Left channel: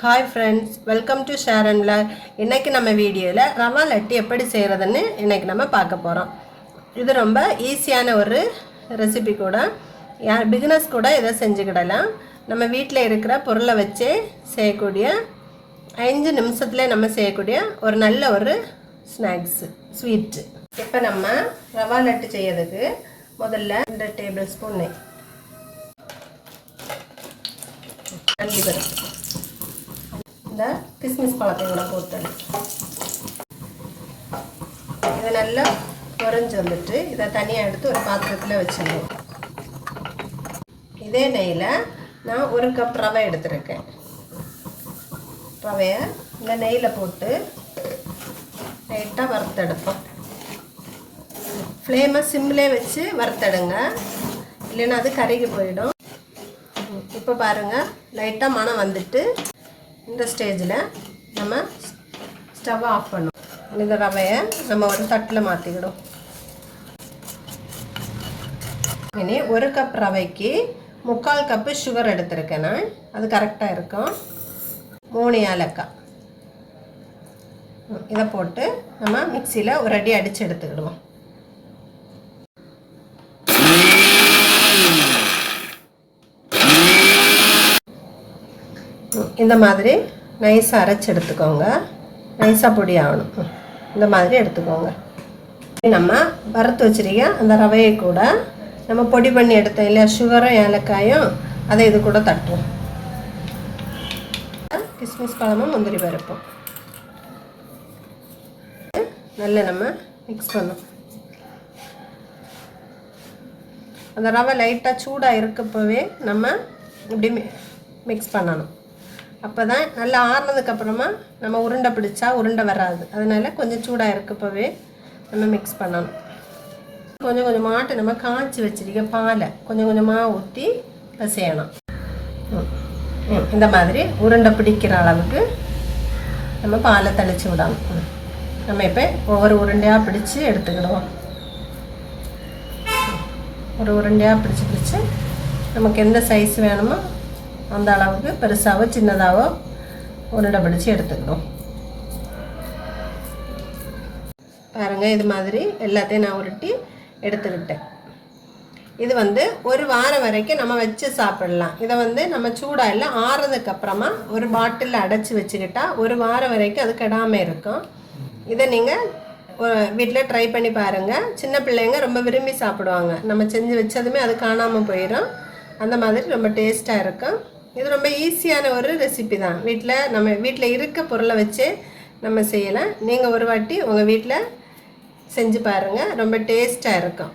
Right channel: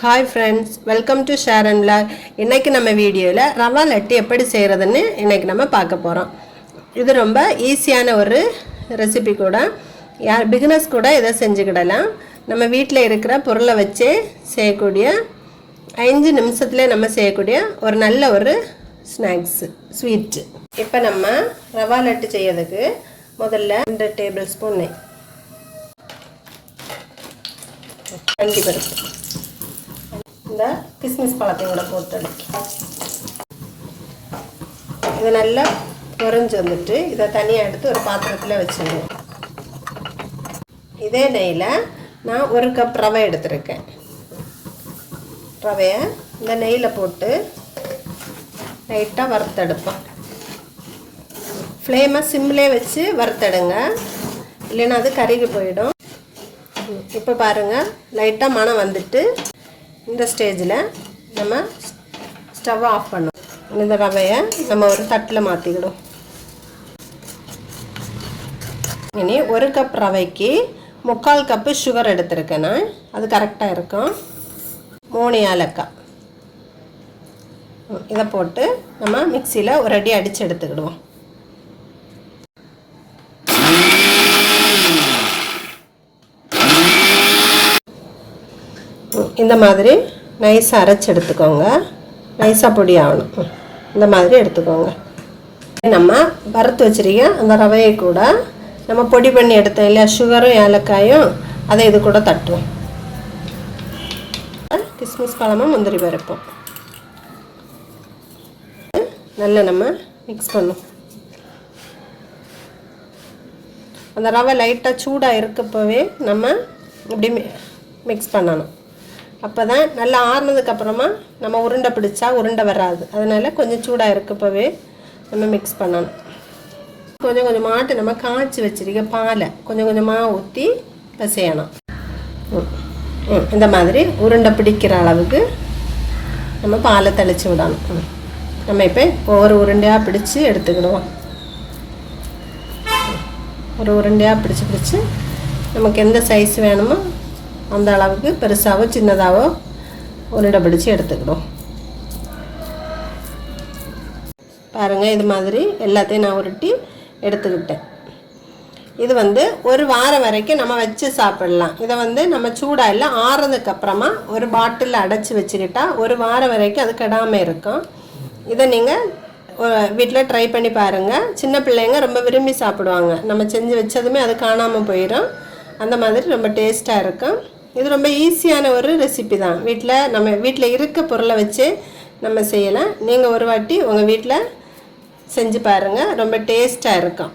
Hi friends, welcome to share and vlog. இன்றைக்கி நம்ம வீடியோவில் ரவா லட்டு எப்படி செய்கிறதுன்னு இன்றைக்கி நம்ம பார்க்க போகிறோம். இது ரொம்ப ஈஸியான ஒரு ரெசிபி கூட. யார் பிகினர்ஸ் கூட இதை செஞ்சுக்கிடலாம். நம்ம வீட்டில் இருக்கிற பொருளை வச்சே செய்யக்கூடிய 5 நிமிஷத்தில் நம்ம செய்யக்கூடிய ஒரு நல்ல ஒரு ஸ்நாக்ஸு ஸ்வீட்டு. இப்போ நம்ம ரவா லட்டு செய்யறதுக்கு முதல்ல 2 டேபிள் ஸ்பூன் நெய், பருப்பு, இந்த கிஸ்மிஸ் பழத்தையோட போட்டு இது நல்லா பொரிஞ்சு வந்துட்டு இதை தனியாக எடுத்து ஒரு பாத்திரத்தில் வச்சுருவோம். இதே நெய்யில் நான் 1 கப் ரவை எடுத்துருக்கேன். ரவையை இந்த நெய்யில் போட்டு லைட்டாக வறுத்தெடுப்போம். ஃப்ளேமை சிம்லே வச்சு வறுத்தெடுங்க, இல்லைன்னா அது கருகி போயிடும். இப்போ பாருங்கள், லைட்டாக மணம் வந்துட்டு இந்த ஸ்டேஜில் நம்ம ஸ்டவ்வை ஆஃப் பண்ணோம். இந்த ரவையை நம்ம ஒரு தட்டில் மாற்றிக்கிடும். இனி 1 கப் ரவைக்கு 3/4 கப்பு சுகர் எடுத்துருக்கேன் நான். அது கரெக்டாக இருக்கும். 3 ஏலக்காய் இதை போட்டு நம்ம மிக்சியில் ஒரு அடி அடித்து எடுத்துக்கிடுவோம். இந்த மாதிரி நைஸாக அரைச்சி எடுத்துக்கோங்க. நைஸாக பொடி ஆகணும். இந்த மாதிரி எடுத்துக்கோங்க. நம்ம வறுத்து வச்சிருக்க அந்த ரவையை கூட நம்ம பொடி பண்ணி எடுத்தோம் இல்லையா, சுகரும் ஏலக்காயும், அதை இது கூட தட்டுவோம். கிஸ்மிஸ் பழமும் முந்திரி பருப்போம் நல்லா நம்ம மிக்ஸ் பண்ணும். அந்த ரவை லைட்டாக சூடாக இருக்கப்பவே நம்ம இப்படி மிக்ஸ் பண்ணணும். அப்போ தான் நல்லா ஆறுனதுக்கப்புறமா நம்ம உருண்டை பிடிச்சா உருண்டை வராது. அதனால் கொஞ்சம் சூடாக இருக்கப்பவே நம்ம மிக்ஸ் பண்ணணும். கொஞ்சம் கொஞ்சமாட்டு நம்ம காய்ச்சி வச்சிருக்க பாலை கொஞ்சம் கொஞ்சமாக ஊற்றி பிசையணும். இந்த மாதிரி உருண்டை பிடிக்கிற அளவுக்கு நம்ம பாலை தெளித்து விடணும். நம்ம இப்போ ஒவ்வொரு உருண்டையாக பிடிச்சி எடுத்துக்கிடுவோம். ஒரு உருண்டையாக பிடிச்சி நமக்கு எந்த சைஸ் வேணுமோ அந்த அளவுக்கு பெருசாகவோ சின்னதாகவோ உருண்டை பிடிச்சி எடுத்துக்கிடுவோம். பாருங்கள், இது மாதிரி எல்லாத்தையும் நான் உருட்டி எடுத்துக்கிட்டேன். இது ஒரு வாரம் வரைக்கும் நம்ம வச்சு சாப்பிடலாம். இதை நம்ம சூடாக இல்லை ஆறுனதுக்கப்புறமா ஒரு பாட்டிலில் அடைச்சி வச்சுக்கிட்டா ஒரு வாரம் வரைக்கும் அது கெடாமல் இருக்கும். இதை நீங்கள் வீட்டில் ட்ரை பண்ணி பாருங்கள். சின்ன பிள்ளைங்க ரொம்ப விரும்பி சாப்பிடுவாங்க. நம்ம செஞ்சு வச்சதுமே அது காணாமல் போயிடும். அந்த மாதிரி ரொம்ப டேஸ்ட்டாக இருக்கும். இது ரொம்ப ஈஸியான ஒரு ரெசிபி தான். நம்ம வீட்டில் இருக்க பொருளை வச்சு நம்ம செய்யலாம். நீங்கள் ஒரு வாட்டி உங்கள் வீட்டில் செஞ்சு பாருங்கள், ரொம்ப டேஸ்ட்டாக இருக்கும்.